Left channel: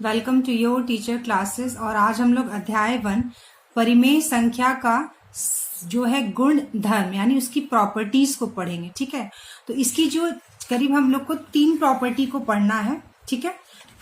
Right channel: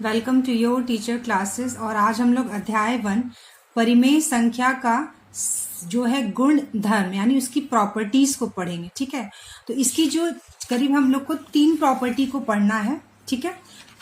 Welcome to your teacher classes. और आज हम लोग अध्याय 1 परिमेय संख्या का जो है गुण धर्म यानी उसकी प्रॉपर्टीज को पढ़ेंगे। ठीक है, तो इसकी जो करीब हम लोग को 3 प्रॉपर्टी को पढ़ना है। ठीक है,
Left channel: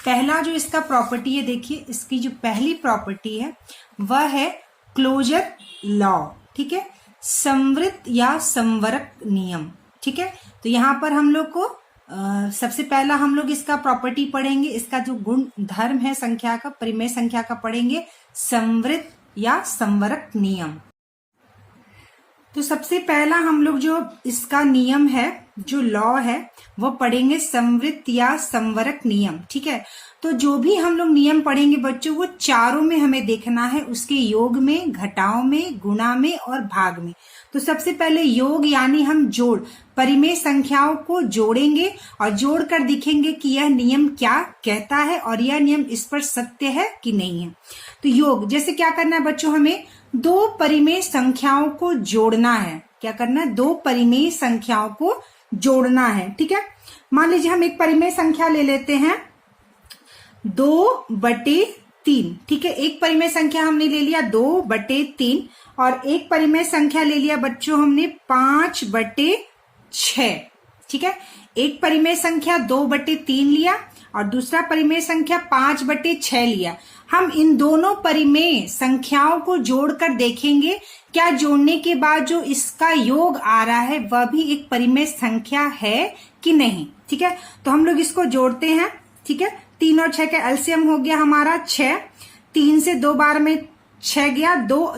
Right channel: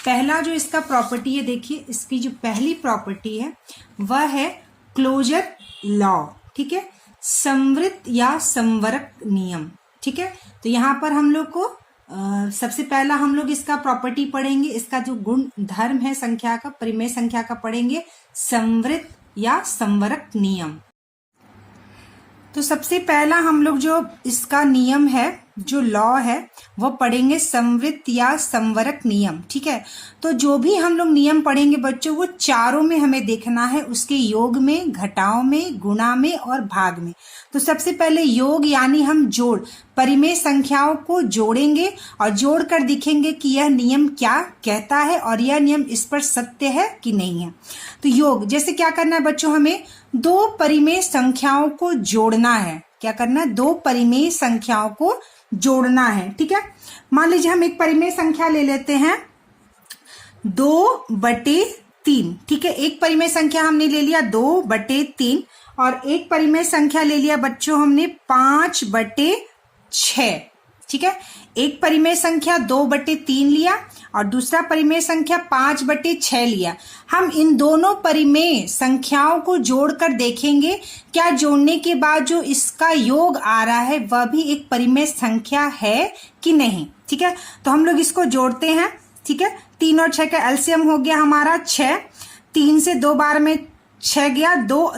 पहला जो इसका प्रॉपर्टी है, देखिए इसकी जो पहली प्रॉपर्टी है वह है क्लोजर लॉ। ठीक है, संवृत या संवरक नियम। ठीक है, तो यहाँ पर हम लोग को सबसे पहला हम लोग इसका प्रॉपर्टी पढ़ेंगे, इसका जो गुण धर्म है संख्या का, परिमेय संख्या का पढ़ेंगे, संवृत या संवरक नियम। तो सबसे पहला हम लोग जो इसका नियम है, जो लॉ है, वो पढ़ेंगे संवृत या संवरक नियम। ठीक है, तो जो भी हम लोग नियम पढ़ेंगे बच्चों, वो चारों में हमें देखना है, उसके योग में, घटाव में, गुणा में और भाग में। तो सबसे पहले योग यानी हम जोड़, परिमेय संख्याओं को जोड़ेंगे और जोड़कर दिखेंगे कि यह नियम क्या कहता है और यह नियम इस पर सत्य है कि नहीं है। तो योग जैसे क्या करना है बच्चों, हमें 2 परिमेय संख्याओं को जोड़ना है। क्या करना है? 2 परिमेय संख्याओं को जोड़ना है। ठीक है, मान लीजिए हम एक परिमेय संख्या ले लेते हैं 2/3। ठीक है, एक परिमेय संख्या हमने ले लिया 2/3 और एक परिमेय संख्या ले लिया बच्चों हमने 5/6। ठीक है, एक परिमेय संख्या 2/3 लिया और दूसरा परिमेय संख्या 5/6 लिया। हम इन दोनों परिमेय संख्याओं को जोड़कर देखेंगे क्या जोड़ने के बाद जो इसका योग आ रहा है वह भी एक परिमेय संख्या है कि नहीं। ठीक है, तो हम लोग इसको जोड़ते हैं। ठीक है, 3 और 6 का एलसीएम हो गया हमारा 6। 3 से 2 बार में 6 गया, 2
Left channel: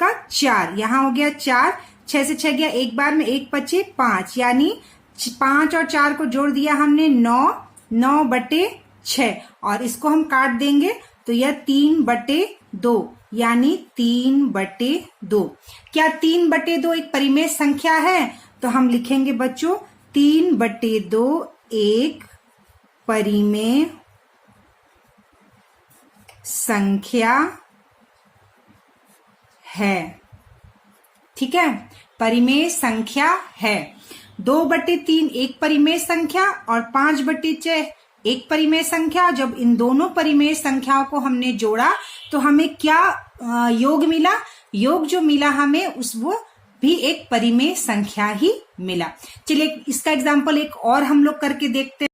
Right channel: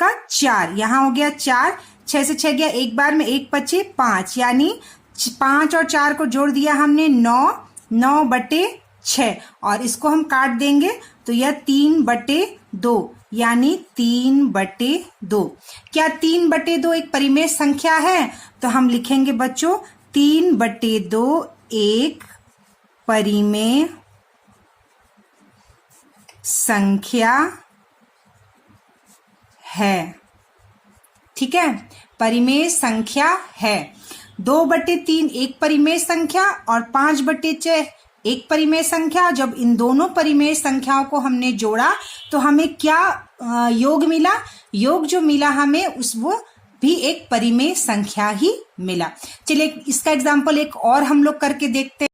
का 4, यहाँ हो गया 4। 6 से 6 गया, एक बार में 1 बचे 5, यानी 5 और 4 को जोड़ दिया हमने 9/6 और इसको हम काट देंगे तो यह 3/2 यानी 3/2। क्या 3/2 एक परिमेय संख्या है? तो हम लिखेंगे बच्चों 3/2 एक परिमेय संख्या है। ठीक है, परिमेय संख्या है। 2/3 एक परिमेय संख्या और 5/6 एक परिमेय संख्या। जब इन दोनों परिमेय संख्याओं को हमने जोड़ा तो हमें क्या योग मिला? योग जो मिला हमें वो भी एक परिमेय संख्या ही मिला। चलिए इसका एग्जाम्पल एक और हम लोग करके देखते हैं।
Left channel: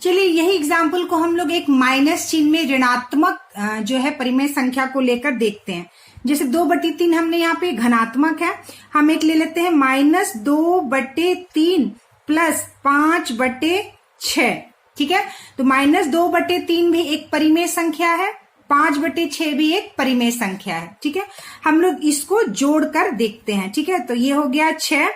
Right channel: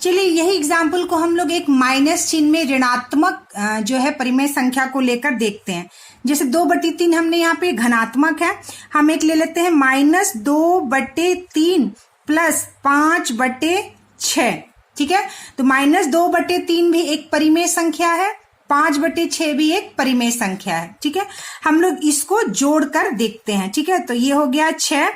चलिए यही एग्जाम्पल को हम लोग एक माइनस चिन्ह में ऋणात्मक जो है परिमेय संख्या को लेकर देखते हैं। जैसे 2/3 हमने यहाँ पे घनात्मक है, हम एक ले लेते हैं -2/3 प्लस 5/6। ठीक है, तो -2/3 भी एक परिमेय संख्या है, 5/6 भी एक परिमेय संख्या है। ठीक है, हम लोग इसको जोड़कर देखते हैं। ठीक है, तो ये हो गया 6,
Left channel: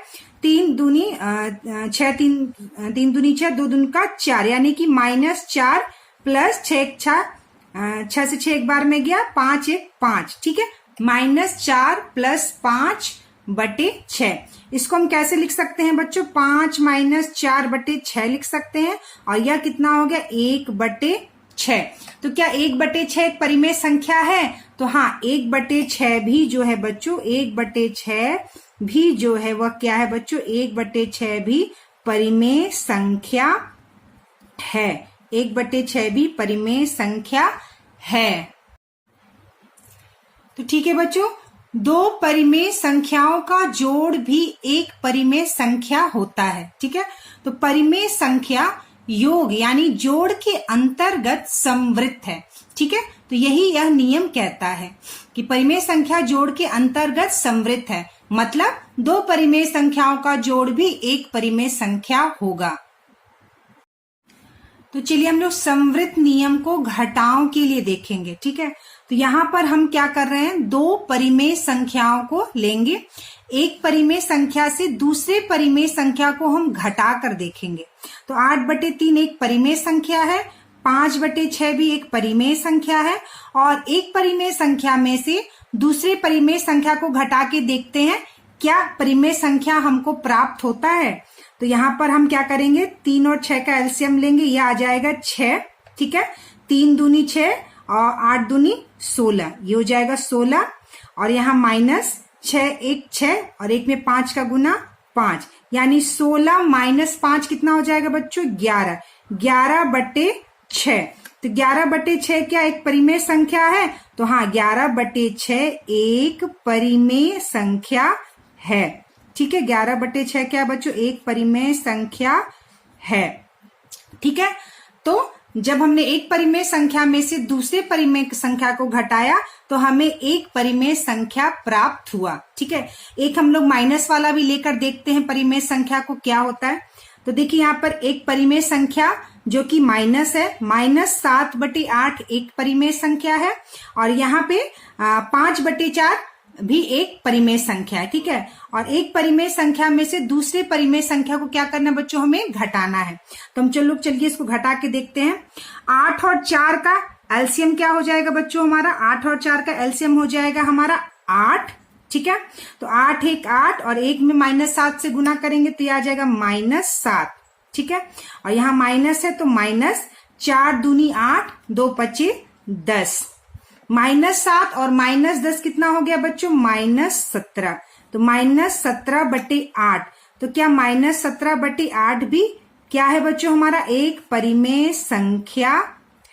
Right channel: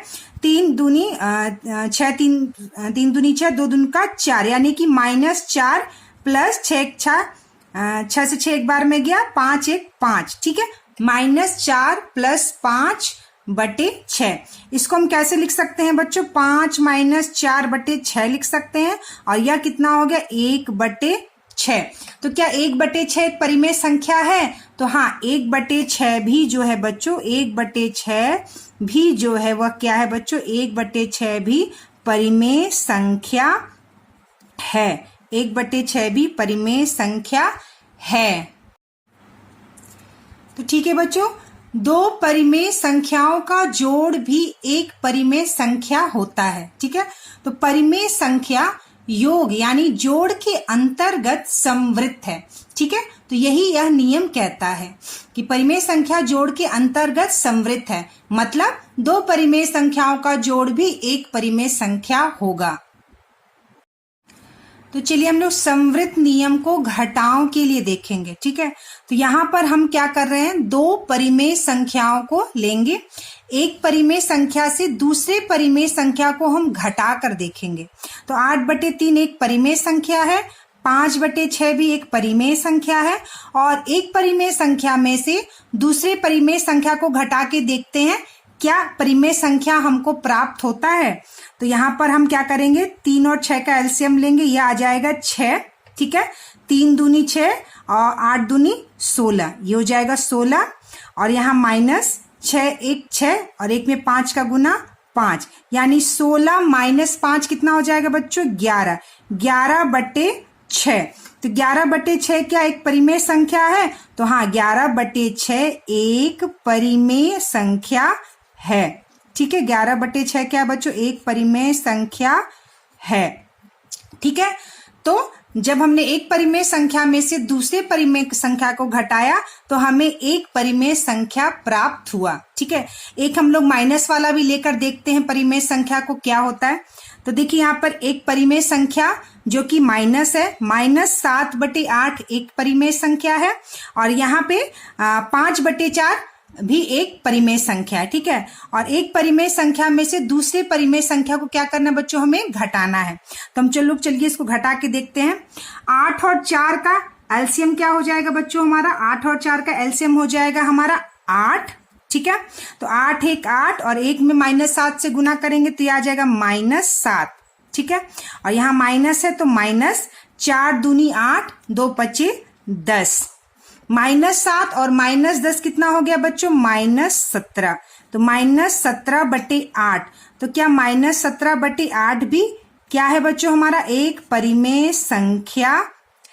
3 दूनी 6, 3 दूनी 6, 2 दूनी का 4, यानी कि -4 प्लस 6 से 6 एक बार में गया, 5 1 5। ठीक है, -4 प्लस 5/6। इसको हम कैसे लिख सकते हैं बच्चों? 5 - 4/6 लिख सकते हैं और यह कितना हो गया? 1/6। तो क्या 1/6 एक परिमेय संख्या है? तो हाँ, 1/6 भी जो है बच्चों, 1/6 भी जो है वह क्या है बच्चों? 1/6 भी परिमेय संख्या है। 1/6 भी परिमेय संख्या है। तो ठीक है बच्चों, 2 परिमेय संख्याओं का जोड़ भी एक परिमेय संख्या होता है। ठीक है, तो परिमेय संख्या योग यानी जोड़ के अंतर्गत संवृत है। ठीक है, तो यही यह नियम कहता है कि परिमेय संख्या जोड़ के अंतर्गत संवृत है, मतलब 2 परिमेय संख्याओं का जोड़ भी एक परिमेय संख्या होगा। तो चलिए हम लोग संवृत नियम को घटाओं के लिए देखेंगे। ठीक है, तो यहाँ पर हम क्या कर रहे हैं, 2 परिमेय संख्याओं को लेंगे, एक परिमेय संख्या से दूसरे परिमेय संख्या को हम घटा कर देखेंगे। तो 8/3 एक परिमेय संख्या है, 5/6 भी एक परिमेय संख्या है और एक परिमेय संख्या में से दूसरे परिमेय संख्या को घटा के देखते हैं क्या परिमेय संख्या हमको प्राप्त होता है। तो यहाँ पर हम क्या करेंगे, 3 और 6 का एलसीएम लेंगे, यह आ जाएगा 6। ठीक है, 3 दूनी 6 और 8 दूनी 16, ये हो जाएगा 16 और यहाँ -6 1 6 और एक में 5 का गुना 5, यानी 16 - 5 कितना हो जाएगा बच्चों? 11। 11/6 तो 11/6 क्या एक परिमेय संख्या है? तो हाँ, 11/6 एक परिमेय संख्या है। ठीक है, 11/6 क्या बच्चों? एक परिमेय संख्या है। ठीक है, तो जब हमने एक परिमेय संख्या में से दूसरे परिमेय संख्या को घटाया तो हमें एक परिमेय संख्या प्राप्त हुआ। ठीक है, एक हम लोग माइनस वाला भी लेकर देखते हैं परिमेय संख्या को क्या होता है। तो देखिए यहाँ पर एक परिमेय संख्या जो कि माइनस है, -7/8 एक परिमेय संख्या है, और यहाँ पे 5/4 भी एक परिमेय संख्या है। ठीक है, और एक परिमेय संख्या में से दूसरे परिमेय संख्या को क्या करना बच्चों? हमें घटाना है। तो हम चलिए इसको घटा के देखते हैं। 8 और 4 का एलसीएम क्या हो जाएगा बच्चों? हमारा 8 और 4 का एलसीएम हो जाएगा हमारा 8। ठीक है, तो 8 एक 8 और एक में -7 से गुना करेंगे तो यह आ जाएगा -7। ठीक है, और यहाँ माइनस है तो माइनस, 4 दूनी 8, 2 पचे 10, -7 और -10 कितना हो गया बच्चों? -17। तो -17/8, तो क्या -17/8 भी क्या है बच्चों? हमारा एक परिमेय संख्या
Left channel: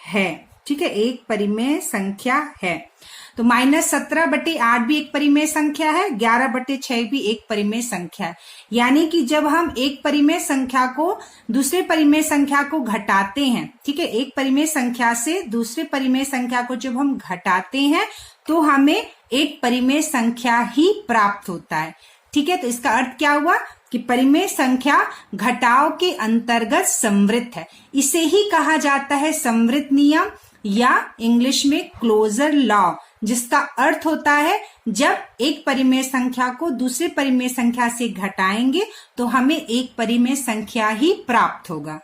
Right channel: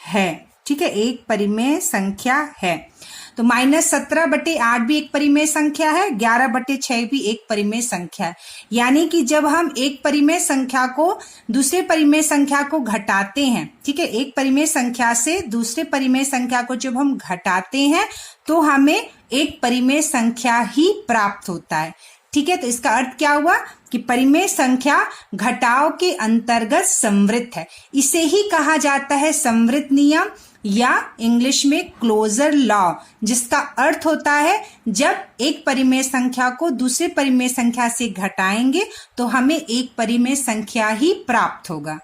है। ठीक है, एक परिमेय संख्या है। तो -17/8 भी एक परिमेय संख्या है, 11/6 भी एक परिमेय संख्या है। यानी कि जब हम एक परिमेय संख्या को दूसरे परिमेय संख्या को घटाते हैं, ठीक है, एक परिमेय संख्या से दूसरे परिमेय संख्या को जब हम घटाते हैं तो हमें एक परिमेय संख्या ही प्राप्त होता है। ठीक है, तो इसका अर्थ क्या हुआ कि परिमेय संख्या घटाव के अंतर्गत संवृत्त है। इसे ही कहा जाता है संवृत्त नियम या इंग्लिश में क्लोजर लॉ, जिसका अर्थ होता है जब एक परिमेय संख्या को दूसरे परिमेय संख्या से घटाएंगे तो हमें एक परिमेय संख्या ही प्राप्त होगा।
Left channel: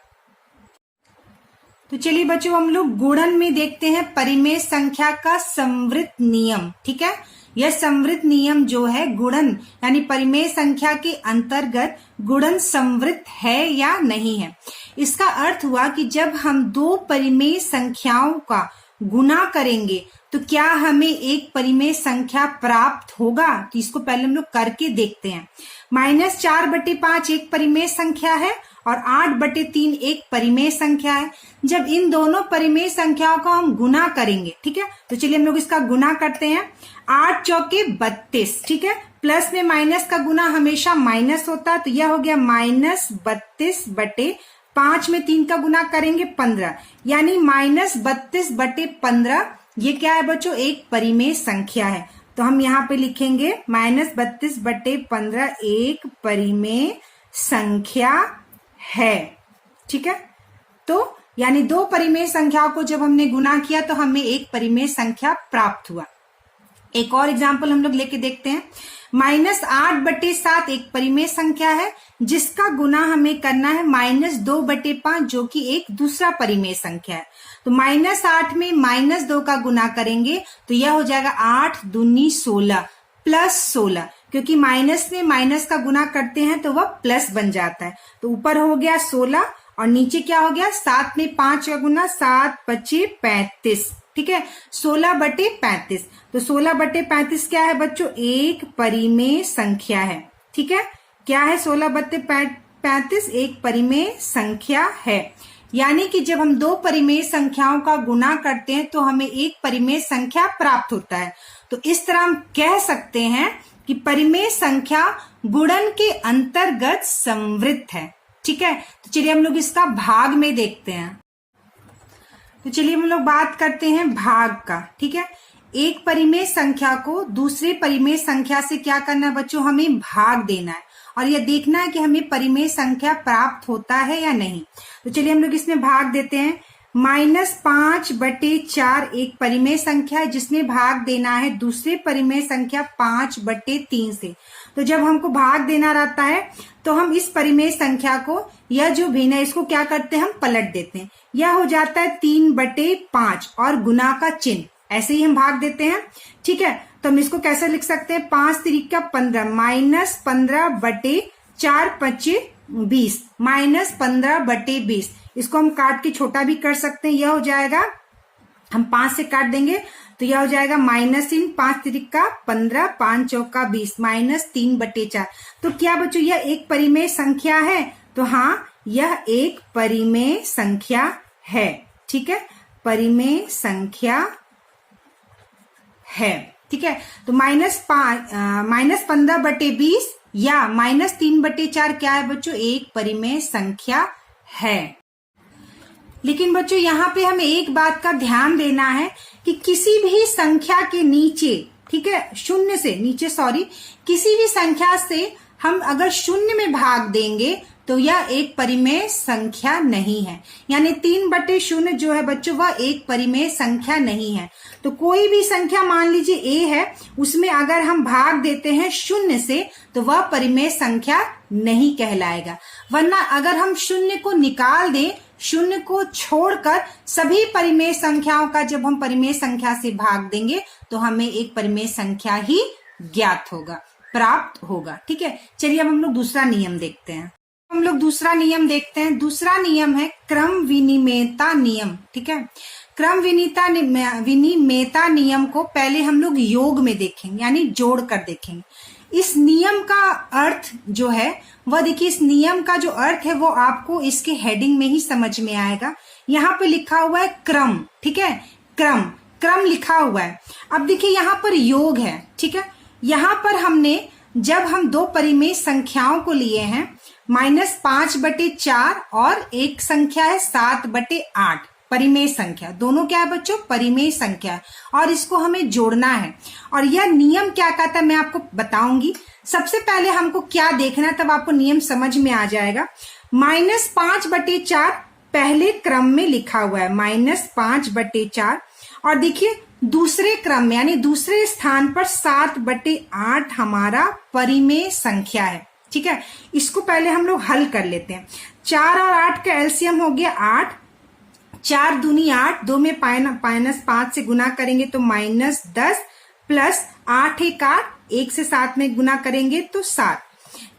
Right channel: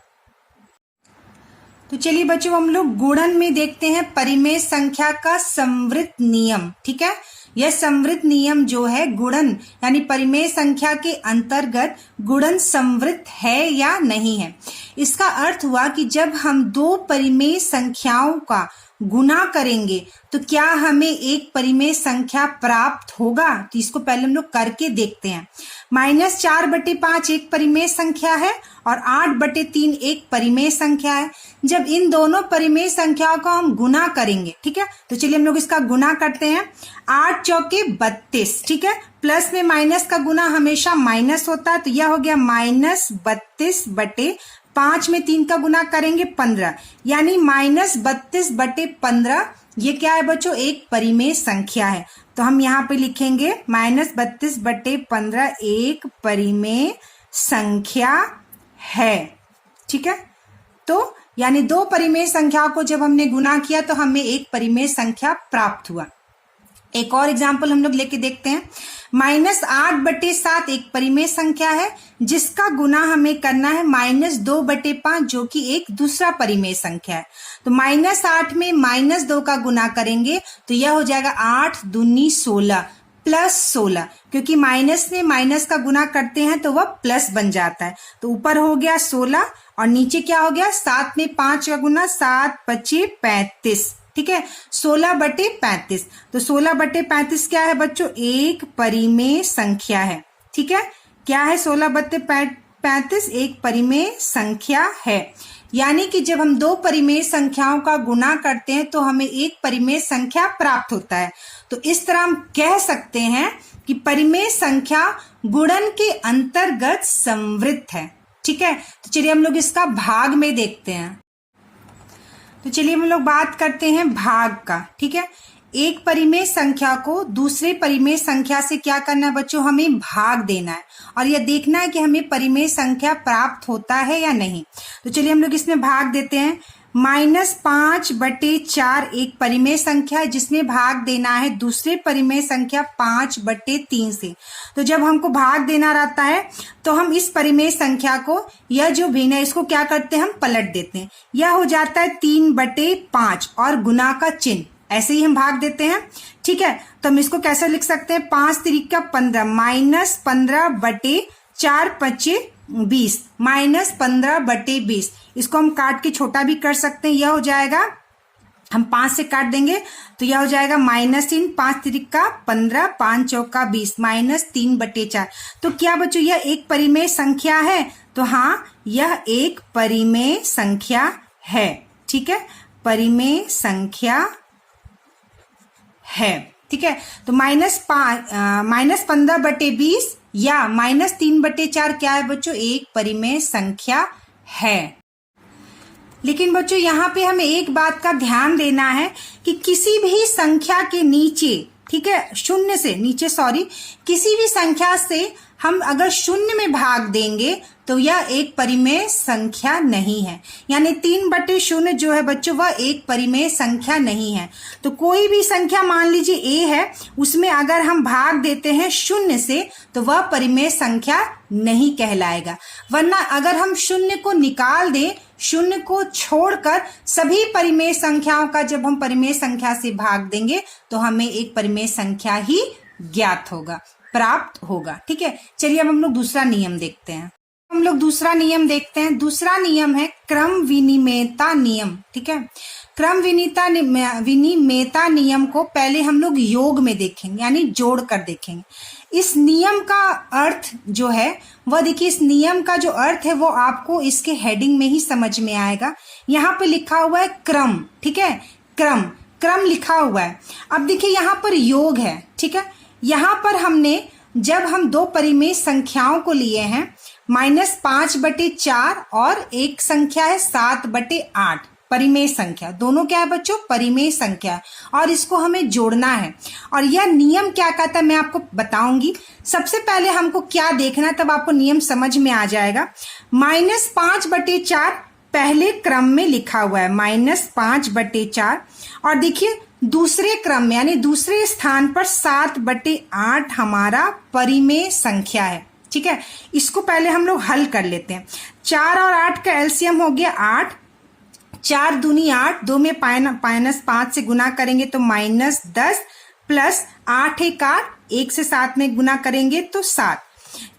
तो चलिए बच्चों हम लोग गुणन में देखते हैं परिमेय संख्या का संवृत्त नियम। ठीक है, यह संवृत्त नियम जो है गुणन यानी परिमेय संख्या के अंतर्गत गुणन संवृत्त है या नहीं है। इसका अर्थ हुआ कि जब हम दो परिमेय संख्याओं का गुना करेंगे तो क्या हमें एक परिमेय संख्या प्राप्त होगा? तो इसको पहले हम लोग करके देखते हैं। -4/5 एक परिमेय संख्या है और 8/3 एक परिमेय संख्या है। जब इन दोनों परिमेय संख्याओं को हम गुना करेंगे, ठीक है, तो चलिए हम लोग इसका गुना करते हैं। 8 चौके 32, ठीक है, प्लस में माइनस का गुना हमेशा माइनस होता है, तो यह हो गया -32/5 में 3 का गुना करेंगे 15, यानी -32/15। ये क्या है बच्चों? एक परिमेय संख्या है। तो हम यहाँ पे लिखेंगे -32/15 एक परिमेय संख्या है। ठीक है, तो यानी दो परिमेय संख्या को जब हमने गुना किया तो हमें एक परिमेय संख्या प्राप्त हुआ। एक और एग्जाम्पल हम लोग लेके देखते हैं। -8/7 एक परिमेय संख्या है जिसका गुना हमें करना है -2/5 जो कि एक दूसरा परिमेय संख्या है। तो -8 में -2 का गुना करेंगे तो यह हो जाएगा 8 दूनी 16 प्लस 16, क्योंकि माइनस में माइनस का गुना करते हैं तो वह प्लस बन जाता है। तो ऊपर हो गया 16 और नीचे क्या हो गया? 7 में 5 का गुना, 7 पचे 35। ठीक है, 16/35। तो 16/35 क्या है बच्चों? एक परिमेय संख्या है। ठीक है, क्या है? 16/35 एक परिमेय संख्या है। यानी कि जब हम दो परिमेय संख्याओं का गुना करते हैं तो हमें एक परिमेय संख्या प्राप्त होता है। तो इस तरह हम कह सकते हैं कि परिमेय संख्या गुणन के अंतर्गत संवृत्त है। ठीक है, तो चलिए हम लोग इसका भाग में देखते हैं। तो चलिए हम लोग बात करते हैं भाग का। ठीक है, एक परिमेय संख्या को दूसरे परिमेय संख्या से क्या करना है बच्चों? हमें भाग देना है और यह देखना है कि हमें परिमेय संख्या प्राप्त होता है या नहीं। तो चलिए हम लोग इसमें भाग देते हैं। -5/4 एक परिमेय संख्या है जिसमें भाग देना है दूसरे परिमेय संख्या 5/3 से। तो जब हमको भाग देना रहता है तो हम इस परिमेय संख्या को, यह जो भिन्न है इसको क्या करते हैं? हम पलट देते हैं। यह हो जाता है 3/5 और गुना का चिन्ह, ऐसे ही हम भाग देते हैं। ठीक है, तो हम इसको कैसे लिख सकते हैं? 5 तिरिका 15 -15/4 पचे 20 -15/20। इसको हम काट के छोटा भी कर सकते हैं। यह हो जाएगा, हम 5 से काट देंगे तो यह हो जाएगा -3 5 तिरिका 15 5 चौका 20 -3/4। तो क्या बच्चों यह एक परिमेय संख्या है? तो हाँ, यह एक परिमेय संख्या है। ठीक है, परिमेय संख्या है। ठीक है, तो -15/20 या -3/4 क्या है बच्चों? एक परिमेय संख्या है। लेकिन बच्चों यहाँ पे हमें एक बात का ध्यान देना है कि किसी भी संख्या के नीचे, ठीक है, शून्य से नीचे, किसी भी संख्या से हम अगर शून्य में भाग देंगे तो यह एक परिमेय संख्या नहीं है। यानी 3/0 जो है बच्चों वह एक परिमेय संख्या नहीं है। तो कोई भी संख्या मान लीजिए a है, उसमें अगर हम भाग देते हैं शून्य से तो वह परिमेय संख्या नहीं कहलाएगा। वरना अगर हम शून्य को निकाल दें, शून्य को छोड़कर सभी परिमेय संख्याओं का जब हम परिमेय संख्या से भाग देंगे तो हमें एक परिमेय संख्या ही ज्ञात होगा, प्राप्त होगा। ठीक है, चलिए अब हम लोग दूसरा नियम देखते हैं। दूसरा नियम है क्रम विनिमेयता नियम। ठीक है, क्रम विनिमेयता नियम को पहले हम लोग योग में देखेंगे, यानी जोड़ कर देखेंगे। इस नियम का अर्थ जो है वह देखिए, इस नियम का जो अर्थ है वो आपको इसके हेडिंग में ही समझ में आएगा। यहाँ पे लिखा हुआ है क्रम। ठीक है, क्रम लिखा हुआ है। अब देखिए यहाँ पर योग है। ठीक है, यहाँ पर हमने जब हम दो परिमेय संख्याओं को लिए हैं, -5/4 और एक संख्या है 7/8, परिमेय संख्या, दोनों क्या है बच्चों? परिमेय संख्या, और इसको हमें जोड़ना है। और यह नियम क्या कहता है मैं आपको बताऊंगी। सबसे पहले हमको क्या देखना है, तब आपको नियम समझ में आ जाएगा। -5/4 पहले क्रम में लिखा हुआ है, -5/4, और देखिए दूसरे क्रम में यानी दूसरे स्थान पर 7/8 हमारा परिमेय संख्या है। ठीक है, इसको पहले हम लोग हल कर लेते हैं। 4 और 8 का एलसीएम हो गया 8, 4 दूनी 8, 2 में -5 से गुना करेंगे तो -10, प्लस 8 एक 8, 1 से 7 में गुना करेंगे तो 7।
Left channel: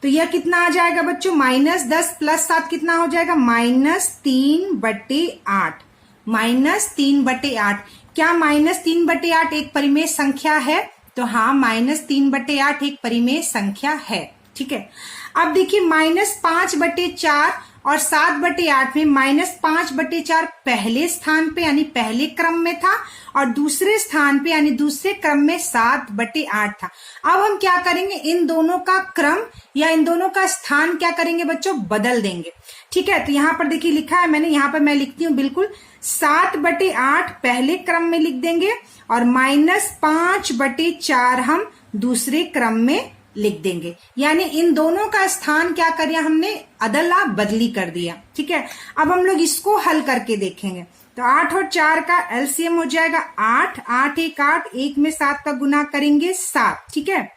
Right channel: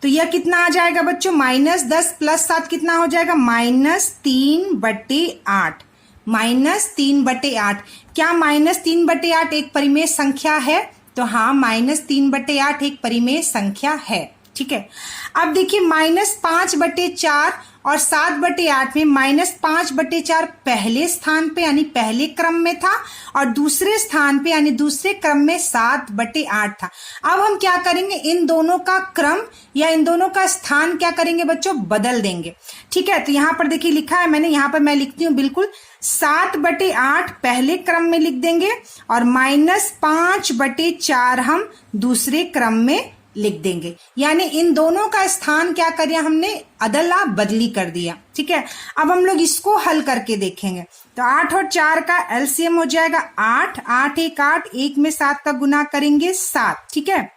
तो यह कितना आ जाएगा बच्चों? -10 प्लस 7 कितना हो जाएगा? -3/8। -3/8। क्या -3/8 एक परिमेय संख्या है? तो हाँ, -3/8 एक परिमेय संख्या है। ठीक है, अब देखिए -5/4 और 7/8 में -5/4 पहले स्थान पे यानी पहले क्रम में था, और दूसरे स्थान पे यानी दूसरे क्रम में 7/8 था। अब हम क्या करेंगे, इन दोनों का क्रम या इन दोनों का स्थान क्या करेंगे बच्चों? बदल देंगे। ठीक है, तो यहाँ पर देखिए लिखा है मैंने, यहाँ पर मैं लिखती हूँ बिल्कुल, 7/8 पहले क्रम में लिख देंगे और -5/4 हम दूसरे क्रम में लिख देंगे। यानी इन दोनों का स्थान क्या कर दिया हमने? अदला बदली कर दिया। ठीक है, अब हम लोग इसको हल करके देखेंगे। तो 8 और 4 का एलसीएम हो जाएगा 8, 8 एक 8, 1 में 7 का गुना करेंगे 7। ठीक है,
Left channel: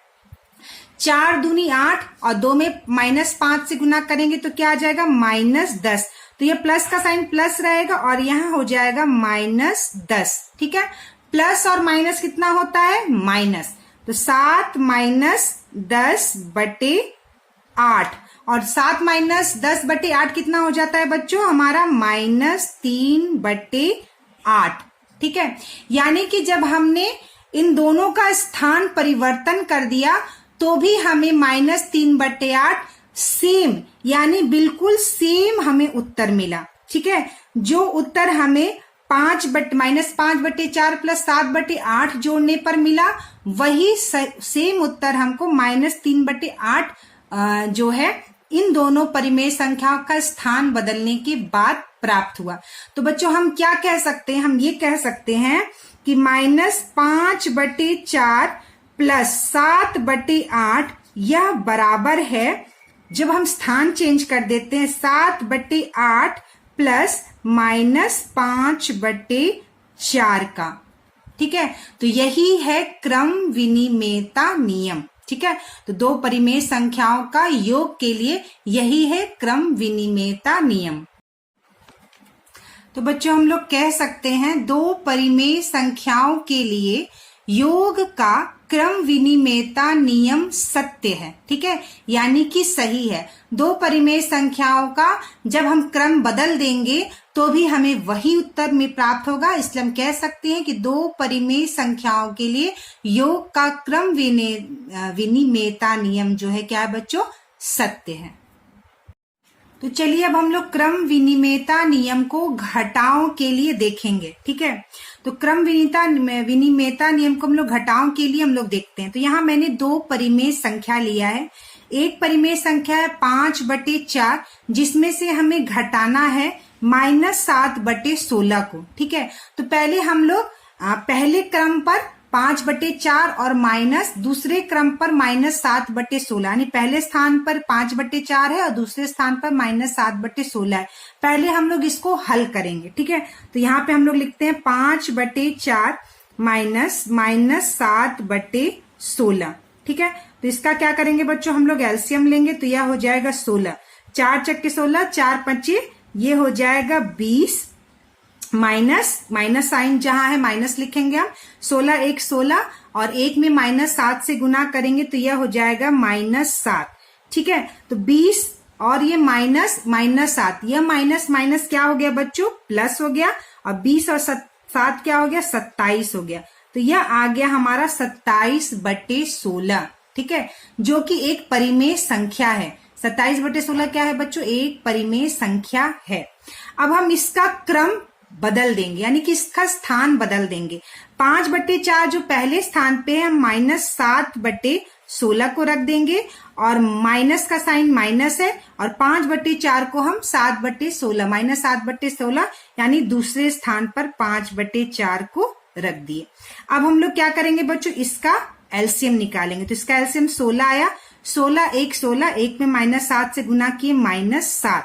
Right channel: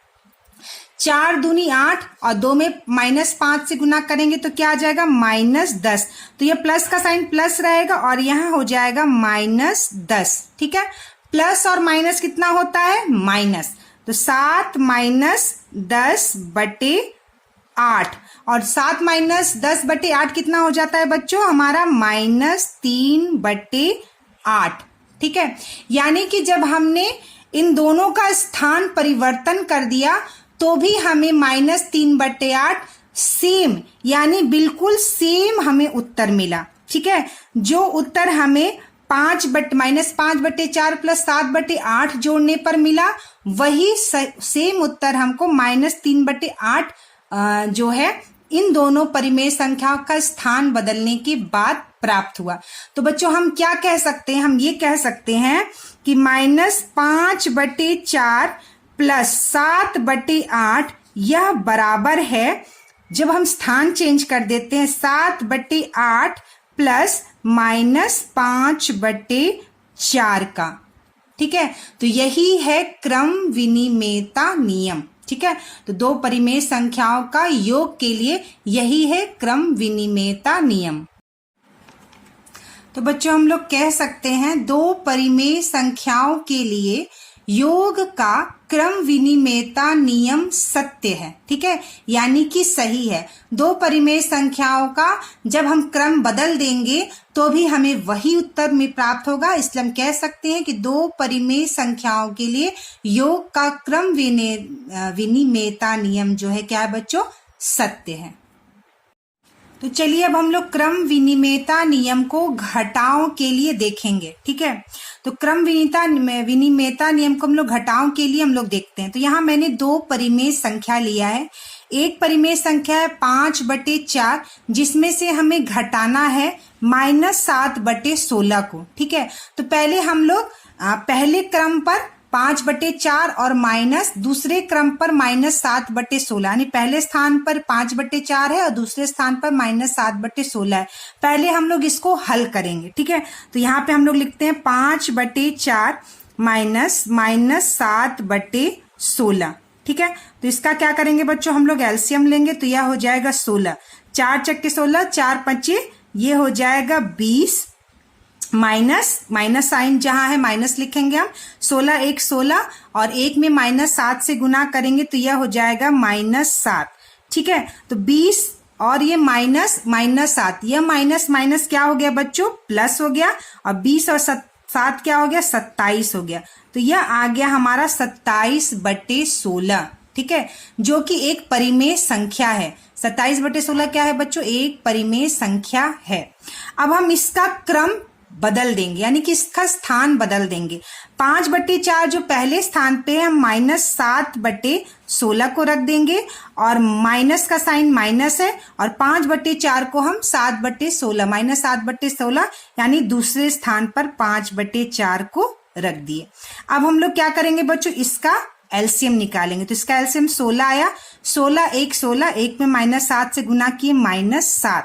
4 दूनी 8 और 2 में -5 से गुना करेंगे तो क्या आ जाएगा? -10। तो ये प्लस का साइन प्लस रहेगा और यहाँ हो जाएगा -10। ठीक है, प्लस और माइनस कितना होता है? माइनस। तो 7 - 10/8, और 7 - 10/8 कितना हो जाता है बच्चों? हमारा -3/8। ठीक है, यानी कि जब हमने इन दोनों का स्थान परिवर्तन कर दिया तो भी हमें -3/8 सेम, यानी बिल्कुल सेम हमें उत्तर मिला। ठीक है, जो उत्तर हमें -5/4 प्लस 7/8 जोड़ने पर मिला, वही सेम उत्तर हमको -3/8 जो है इन दोनों परिमेय संख्याओं का स्थान बदलने के बाद प्राप्त हुआ। तो बच्चों हम क्या कह सकते हैं? हम ये कह सकते हैं कि -5/4 प्लस 7/8 यह बराबर है, जब हम स्थान चेंज कर देते हैं, 7/8 प्लस -5/4 का। ठीक है, तो यही है क्रम विनिमेयता नियम। ठीक है, तो दो परिमेय संख्याओं का योग के लिए यही है क्रम विनिमेयता नियम। तो बच्चों हम लोग कह सकते हैं दो परिमेय संख्याओं के लिए योग का क्रम विनिमेयता नियम सत्य है। ठीक है, यानी कि सही है। दो परिमेय संख्याओं का जब हम क्रम बदल देंगे तो भी हमें वही उत्तर में प्राप्त होगा। इसलिए हम कह सकते हैं कि दो परिमेय संख्याओं के लिए योग का क्रम विनिमेयता नियम जो है क्या है बच्चों? सत्य है। तो चलिए अब हम लोग क्रम विनिमेयता नियम को घटाओं के लिए देखेंगे। ठीक है, तो क्रम विनिमेयता नियम को हम लोग घटाओं के लिए हम लोग देखते हैं। तो यहाँ मैंने दो परिमेय संख्या लिया है। एक परिमेय संख्या है 5/4, जिसमें से हमें घटाना है -7/16 को। ठीक है, तो पहले हम लोग पहले क्रम पर 5/4 और माइनस दूसरे क्रम पर -7/16, यानी पहले स्थान पर 5/4 है और दूसरे स्थान पर -7/16 है। पहले हम लोग इसको हल करेंगे। ठीक है, तो यहाँ पे हम लोग लिखते हैं 5/4 -7/16। ठीक है, तो इसका क्या करेंगे बच्चों, हम लोग एलसीएम लेंगे, तो यह हो जाएगा 16, 4 चक्के 16, 4 5 ये हो जाएगा 20, माइनस साइन जहां है माइनस लिखेंगे हम, 16 1 16 और 1 में -7 से गुना करेंगे तो यह हो जाएगा -7। ठीक है, तो 20 और ये -7, यह माइनस क्या हो गया बच्चों, प्लस हो गया, और 20 और 7 क्या हो गया, 27 हो गया। तो यह आ गया हमारा 27/16। ठीक है, जो कि एक परिमेय संख्या है। 27/16 क्या है बच्चों, एक परिमेय संख्या है। अब हम इसका क्रम बदल देंगे, यानी कि इसका स्थान बदल देंगे। 5/4 जो पहले स्थान पे है, हम -7/16 को रख देंगे, और माइनस का साइन माइनस है, और 5/4 को हम 7/16 -7/16 यानी दूसरे स्थान पर 5/4 को रख दिए। अब हम लोग क्या करेंगे बच्चों, इसका एलसीएम निकालेंगे। तो इसका एलसीएम 16 आया, 16 1 16, 1 में -7 से गुना किए -7,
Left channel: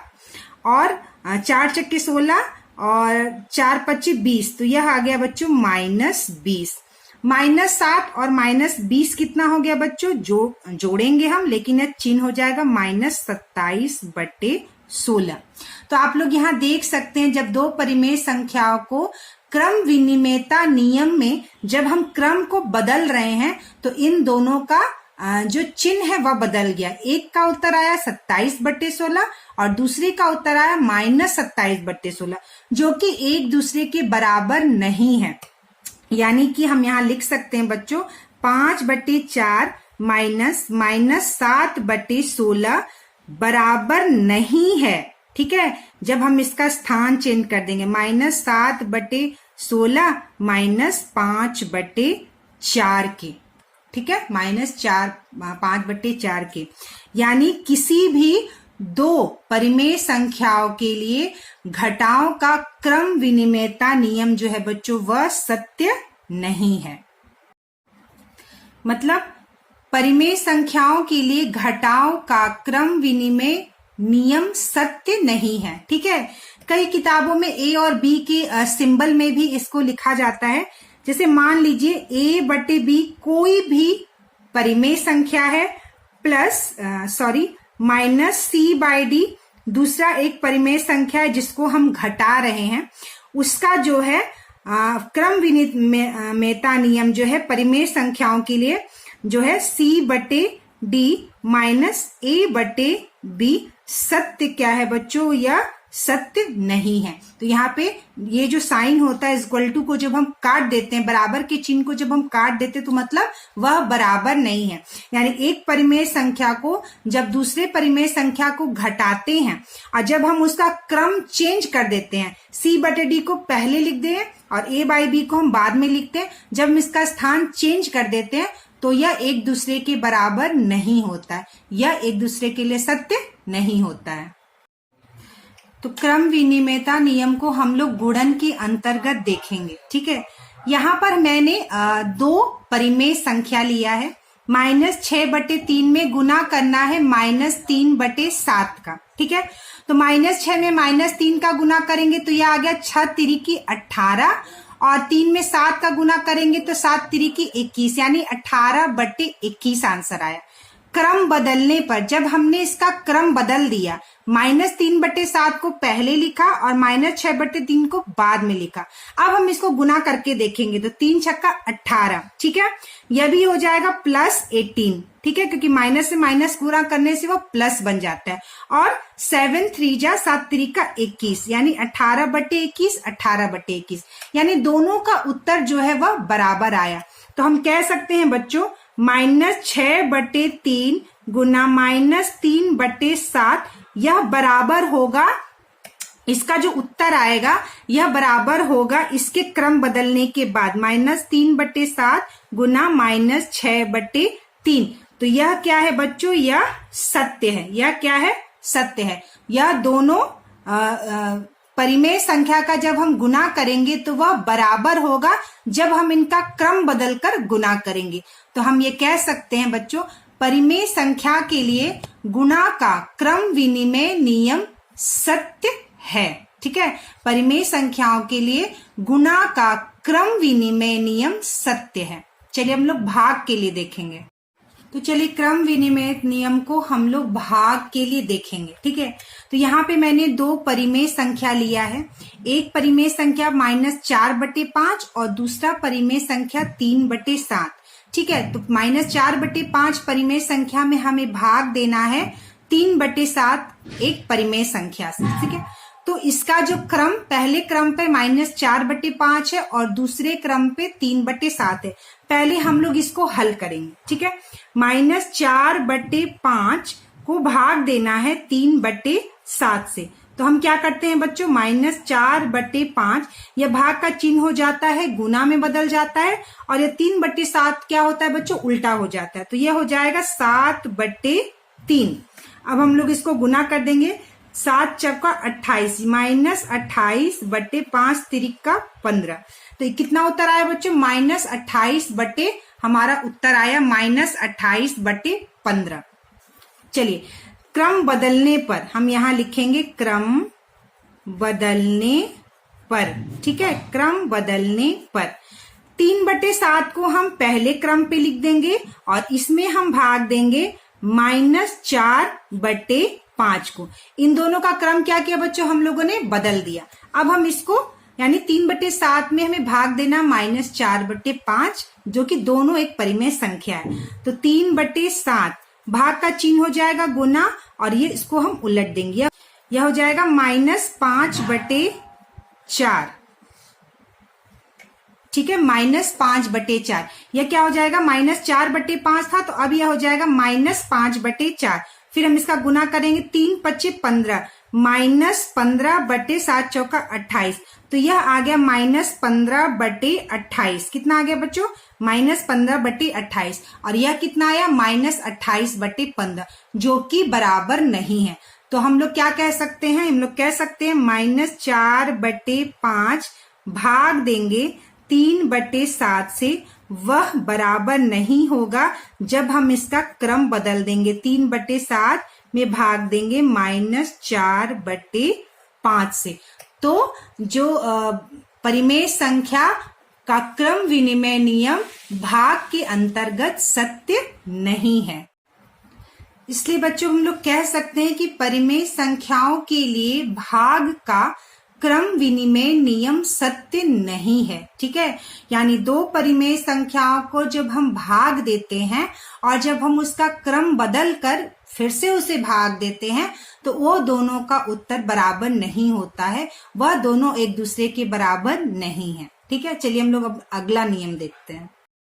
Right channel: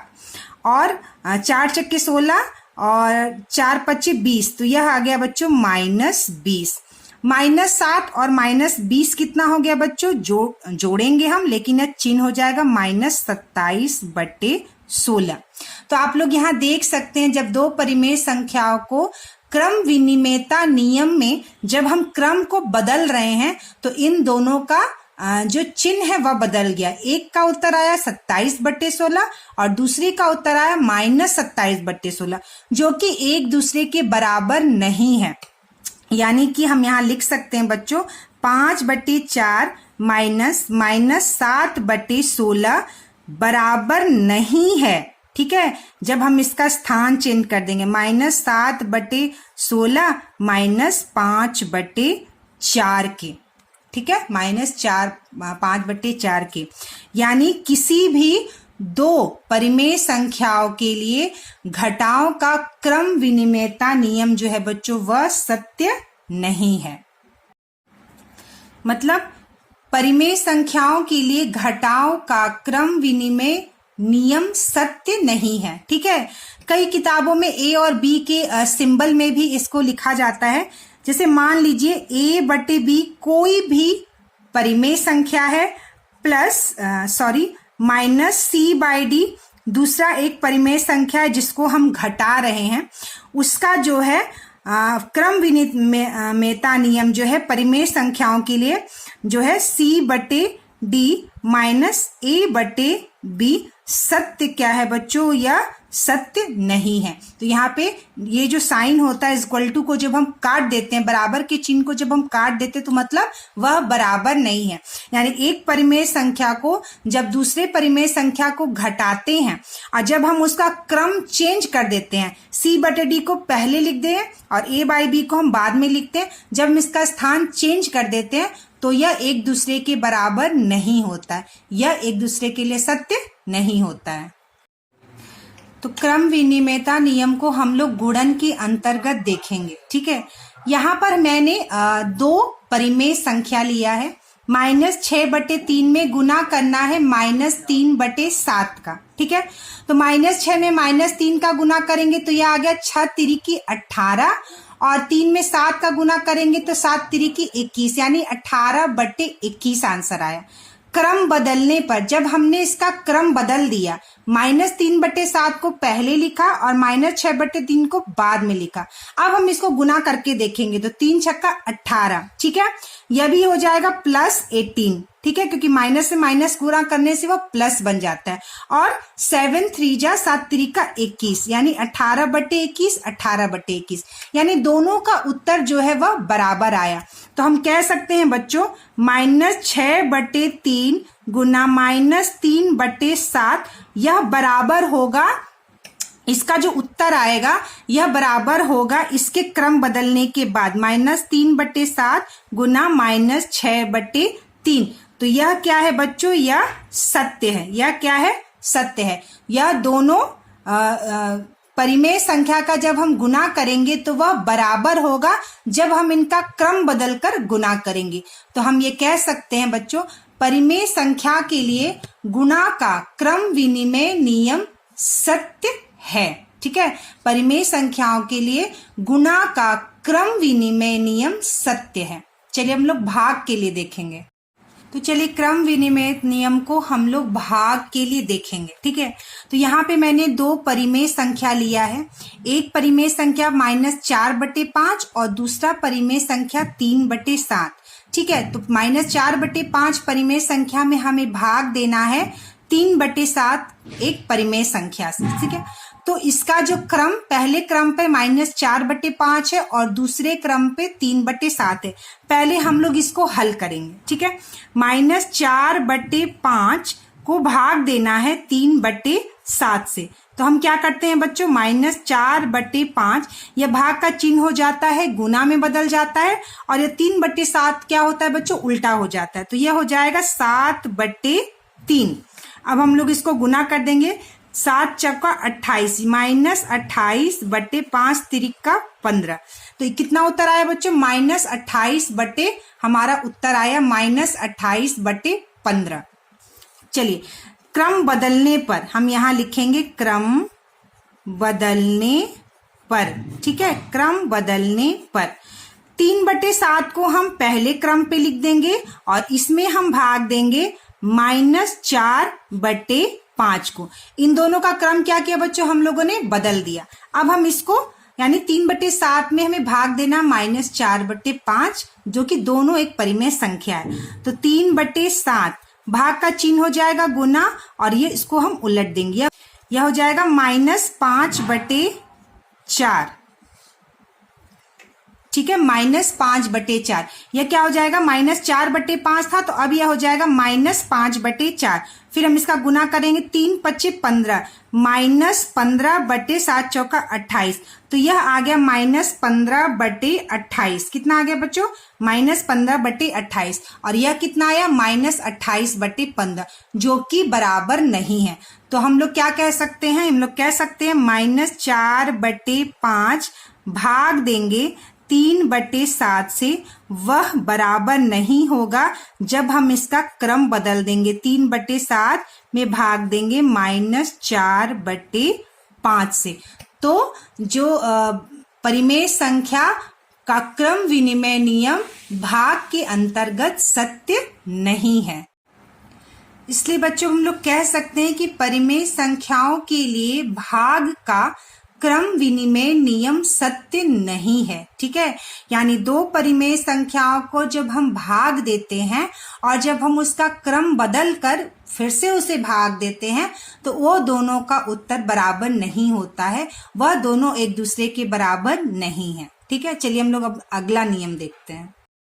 और 4 चक्के 16 और 4 5 20, तो यह आ गया बच्चों -20। -7 और -20 कितना हो गया बच्चों, जोड़ेंगे हम, लेकिन यह चिन्ह हो जाएगा -27/16। तो आप लोग यहाँ देख सकते हैं, जब दो परिमेय संख्याओं को क्रम विनिमेयता नियम में जब हम क्रम को बदल रहे हैं, तो इन दोनों का जो चिन्ह है वह बदल गया। एक का उत्तर आया 27/16 और दूसरे का उत्तर आया -27/16, जो कि एक दूसरे के बराबर नहीं है। यानी कि हम यहाँ लिख सकते हैं बच्चों, 5/4 -7/16 बराबर नहीं है। ठीक है, जब हम इसका स्थान चेंज कर देंगे, -7/16 -5/4 के। ठीक है, -5/4 के, यानी किसी भी दो परिमेय संख्याओं के लिए घटाओं का क्रम विनिमेयता नियम जो है बच्चों, वह सत्य नहीं है। मतलब परिमेय संख्याओं के लिए घटाओं का क्रम विनिमय नियम सत्य नहीं है। ठीक है, कई किताबों में ए और बी के सिंबल में भी इसको लिखा जाता है। जैसे मान लीजिए a/b कोई भी परिमेय संख्या है, प्लस -c/d दूसरा एक परिमेय संख्या है जिसको हम घटा रहे हैं, उसका जो है क्रम विनिमेयता नियम जो है परिमेय संख्याओं के लिए जो है c/d -a/b सत्य क्या है बच्चों, यह सत्य नहीं है। तो यहाँ पे ये जो साइन होता है इक्वल टू को जब हम काट देते हैं, बराबर के चिन्ह को जब हम काट देते हैं, तो मतलब वह बराबर नहीं है। यानी एक परिमेय संख्या को जब दूसरे परिमेय संख्या को घटाते हैं और जब हम उसका क्रम चेंज कर देते हैं, c/d को पहले लिख दें और a/b को हम बाद में लिखते हैं, जब हम इसका स्थान चेंज कर देते हैं तो यह एक दूसरे के बराबर नहीं होता है, यह एक दूसरे के लिए सत्य नहीं होता है। तो क्रम विनिमेयता नियम को हम लोग गुणन के अंतर्गत देखेंगे। ठीक है, यहाँ पर मैंने दो परिमेय संख्या लिया है, -6/3 में गुना करना है -3/7 का। ठीक है, तो -6 में -3 का गुना करेंगे तो यह आ गया 6 तिरिकी 18, और 3 में 7 का गुना करेंगे तो 7 तिरिकी 21, यानी 18/21 आंसर आया। क्रम बदलने पर जब हमने इसका क्रम बदल दिया, -3/7 को पहले लिखा और -6/3 को बाद में लिखा। अब हम इसको गुना करके देखेंगे तो 3 छक्का 18। ठीक है, यह भी हो जाएगा +18। ठीक है, क्योंकि माइनस से माइनस गुणा करने से वो प्लस बन जाता है। और 7 3 जा 7 3 का 21, यानी 18/21 18/21, यानी दोनों का उत्तर जो है वह बराबर आया। तो हम कह सकते हैं बच्चों -6/3 गुना -3/7 यह बराबर होगा, इसका जो उत्तर आएगा यह बराबर होगा इसके क्रम बदलने के बाद -3/7 गुना -6/3। तो यह क्या है बच्चों, यह सत्य है। यह क्या है, सत्य है। यह दोनों परिमेय संख्या का जब हम गुना करेंगे तो वह बराबर होगा जब हम इनका क्रम बदलकर गुना करेंगे। तो हम ये कह सकते हैं बच्चों परिमेय संख्या के लिए गुणा का क्रम विनिमय नियम सत्य है। ठीक है, परिमेय संख्याओं के लिए गुणा का क्रम विनिमय नियम सत्य है। चलिए हम लोग भाग के लिए देखेंगे। तो चलिए क्रम विनिमय नियम को हम लोग भाग के लिए देखेंगे। ठीक है, तो यहाँ पे मैंने दो परिमेय संख्या लिया है। एक परिमेय संख्या -4/5 और दूसरा परिमेय संख्या 3/7। ठीक है, तो -4/5 परिमेय संख्या में हमें भाग देना है 3/7 एक परिमेय संख्या से। ठीक है, तो इसका जो क्रम पहले क्रम पे -4/5 है और दूसरे क्रम पे 3/7 है। पहले हम लोग इसको हल करेंगे। ठीक है, -4/5 को भाग देना है 3/7 से। तो हम क्या करते हैं बच्चों, -4/5 यह भाग का चिन्ह हो जाता है, गुना में बदल जाता है, और ये 3/7 क्या होता है बच्चों, उल्टा हो जाता है। तो यह हो जाएगा 7/3। अब हम लोग इसको गुना कर देंगे। 7 चौका 28 -28/5 तिरिका 15। तो कितना उत्तर आया बच्चों, -28 हमारा उत्तर आया -28/15। चलिए क्रम बदलने पर हम यहां लिखेंगे क्रम बदलने पर। ठीक है, क्रम बदलने पर 3/7 को हम पहले क्रम पे लिख देंगे और इसमें हम भाग देंगे -4/5 को। इन दोनों का क्रम क्या किया बच्चों, हम लोगों ने बदल दिया। अब हम इसको यानी 3/7 में हमें भाग देना -4/5, जो कि दोनों एक परिमेय संख्या है। तो 3/7 भाग का चिन्ह हो जाएगा गुना, और ये इसको हम उलट देंगे। यह हो जाएगा -5/4। ठीक है, -5/4। यह क्या हो जाएगा, -4/5 था, तो अब यह हो जाएगा -5/4। फिर हम इसका गुना करेंगे 3×5 = 15 -15/7 चौका 28। तो यह आ गया -15/28। कितना आ गया बच्चों, -15/28। और यह कितना आया, -28/15, जो कि बराबर नहीं है। तो हम लोग क्या कह सकते हैं, हम लोग कह सकते हैं -4/5 भाग देंगे 3/7 से, वह बराबर नहीं होगा जब हम इसका क्रम बदल देंगे। 3/7 में भाग देंगे -4/5 से। तो जो परिमेय संख्या का क्रम विनिमय नियम भाग के अंतर्गत सत्य नहीं है। इसलिए बच्चों हम लोग कह सकते हैं कि परिमेय संख्याओं के लिए भाग का क्रम विनिमय नियम सत्य नहीं है। ठीक है, यानी दो परिमेय संख्याओं को जब हम भाग देते हैं और जब हम उसका क्रम बदल कर फिर से उसे भाग देते हैं तो वो दोनों का उत्तर बराबर नहीं होता है, वह दोनों एक दूसरे के बराबर नहीं है। ठीक है, चलिए हम लोग अब अगला नियम देखते हैं।